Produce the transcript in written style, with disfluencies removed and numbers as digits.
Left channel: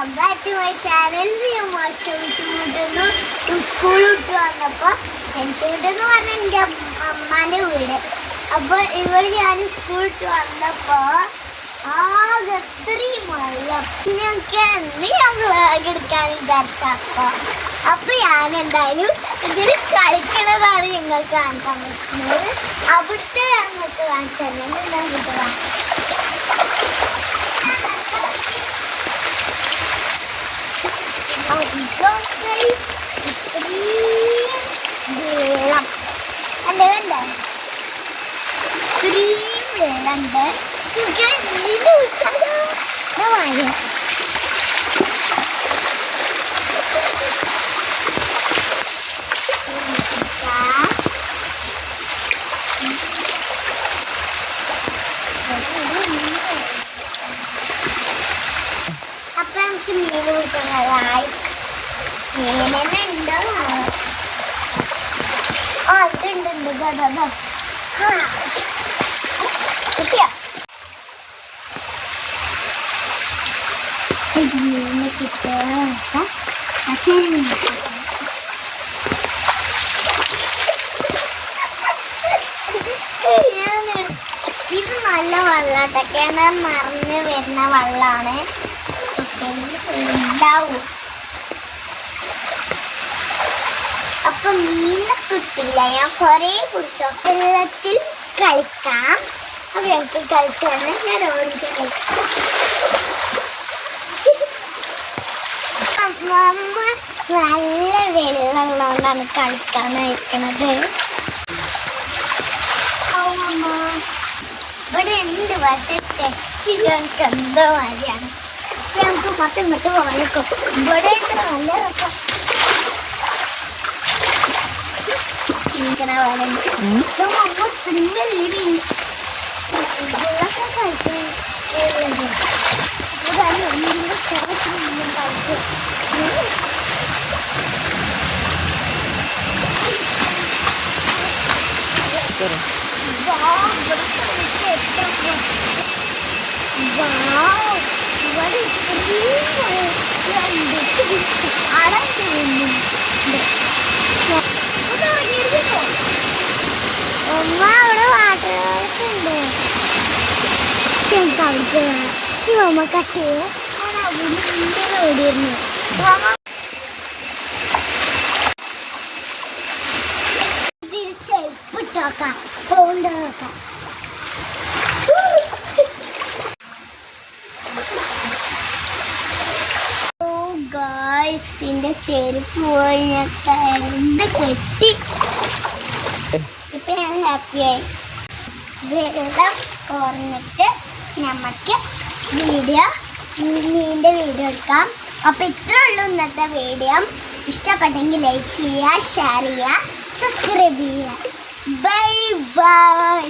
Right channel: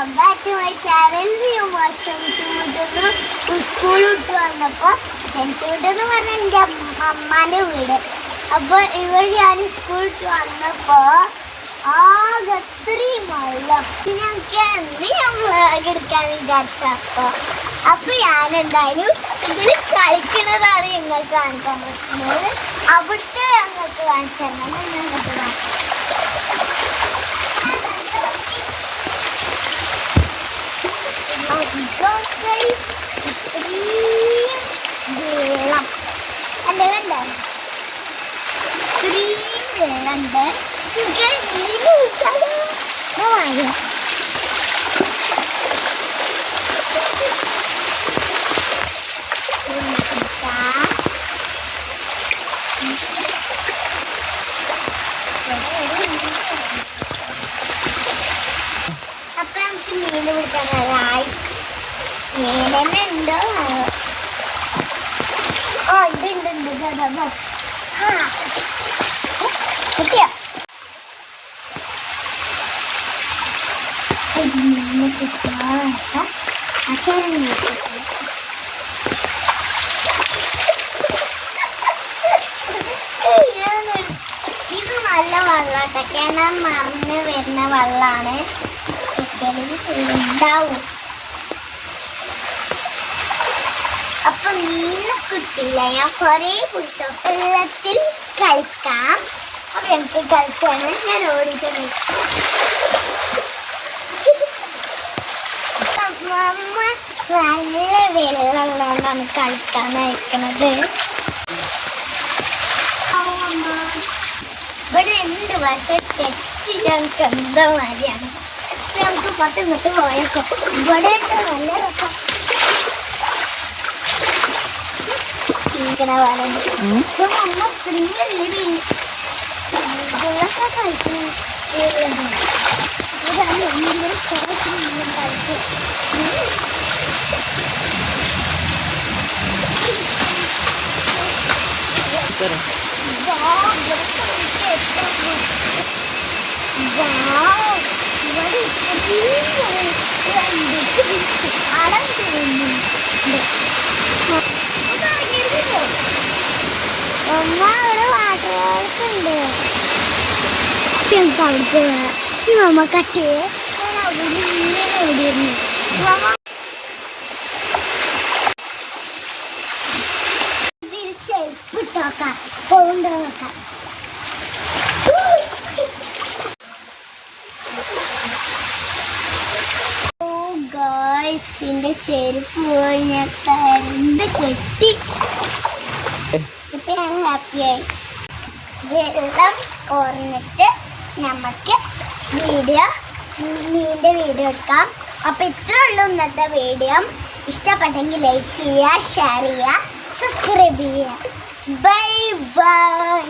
Welcome back to my channel. School വിട്ട് വന്നപ്പോൾ എനിക്ക് വീടെന്ന് പറഞ്ഞാൽ എൻ്റെ അമ്മാൻ്റെ വീട്. അപ്പോൾ ഇവിടെ ഞാൻ സ്കൂൾ വിട്ട് വന്നപ്പോൾ ആകെ അത്രയും മഴ. ഞങ്ങൾക്ക് അന്ന് ഞാൻ വ്ളോഗ് എടുക്കാൻ വിചാരിച്ചപ്പോൾ ഞാൻ എന്തായാലും ഇതിൽ കളിക്കണതാണ് ഞങ്ങൾക്ക് കാണിക്കാൻ പറ്റുന്നത്. അവിടുത്തെ ഞങ്ങൾക്ക് കാണിച്ചു തരണം. എന്താണ് കിട്ടുക വെള്ളം അല്ലേ വേണ്ട ഇത്രയും വെള്ളമുണ്ട്. മഴ അപ്പൊ നമുക്ക് മീൻ പിടിക്കാൻ മീനെന്നെ ഉണ്ടോ? ആ ഉണ്ട് കിട്ടിയോ? മീനെ കിട്ടിയ അച്ഛനും ഇത് നല്ല വെള്ളാട്ടോ. കിണർ മറിഞ്ഞ് വരുന്ന വെള്ളമാണ്. ഉണ്ടാവും. അപ്പൊ മീനെ കിട്ടില്ല. ഞാൻ കൊറേ പിടിച്ചോ. വെള്ളത്തിൽ കളിക്കാം. അപ്പൊ നമുക്ക് കളിച്ചാണ്. ഞാൻ ഓടിയിട്ട് കളിക്കാം. അമ്മ നല്ല വെള്ളമുള്ളതുകൊണ്ടാണ് കളിക്കാൻ അയക്കണത്. ഇവിടെ ഉണ്ട്, പക്ഷെ തെച്ച് ഞങ്ങൾക്ക് എന്തോ മാതിരിയാണ്. നമുക്ക് പത്ത് പോയേക്കോ. ഇവിടെ ഉണ്ട് നല്ല രസം. അമ്മ സ്പ്രിംഗല്ലേ വെള്ളമൊക്കെ കളിക്കണം. കളിച്ച് അമ്മ അവിടെ വാട്ടറുകളൊക്കെ ഉണ്ട്. കളിക്കുക അമ്മ കട്ട് ഇങ്ങനെ ഓടിയിരുന്നു. തിരിച്ചെപ്പിട്ടോക്കാം പോണ്ടോ നോക്കാം. ഗായ്സിന്റെ ചെരുപ്പ് പോയി ഞാൻ കരണ്ട് കെട്ടി. ഇപ്പൊ ഞാൻ ഹാപ്പിയായി. വെള്ളം കുറഞ്ഞിട്ട് നമുക്ക് മീൻ്റെ വീഡിയോ എടുക്കാം. അപ്പൊ ഇത്രേ ഉള്ളൂ ഇന്നത്തെ വീഡിയോ. ഇഷ്ടപ്പെട്ടെങ്കിൽ ലൈക്ക് ചെയ്യുക, ഷെയർ ചെയ്യുക, സബ്സ്ക്രൈബ് ചെയ്യുക. Bye bye.